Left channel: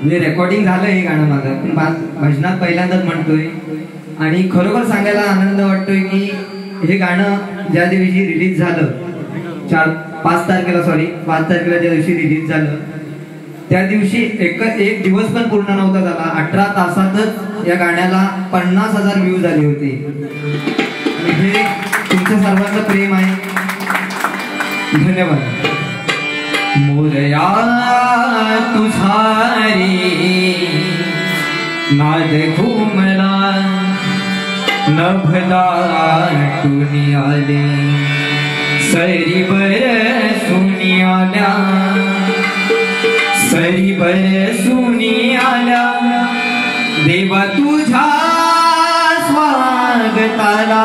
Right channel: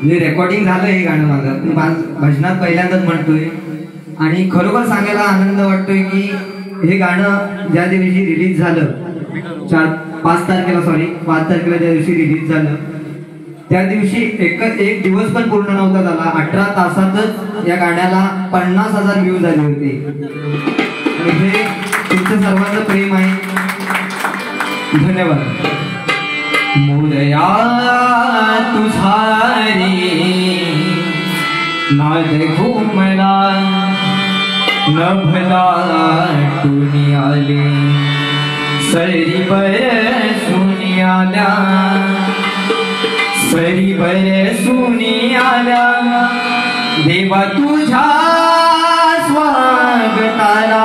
म्हणजे रेकॉर्डिंग झालं हे गाणं माझं, पण भजनात पहिल्यांदाच म्हणतोय आणि खरोखर सांगायला आनंद वाटतोय की हे गाणं ज्या दिवशी रिलीज झालं 5 तारखेला ज्या दिवशी रिलीज झालं त्या दिवशी एक दिवस पण पूर्ण नव्हता झाला, 18 तासातच या गाण्याला 50,000 व्ह्यूज आले होते. आणि हे तुमचं सर्वांचं प्रेम आहे. धन्यवाद. मोरया तुझारी नाद घुमला नभला टुनी आले सरी बरसुनी आल्या सरी बरसुनी आल्या देवा तुझ्या स्वागताला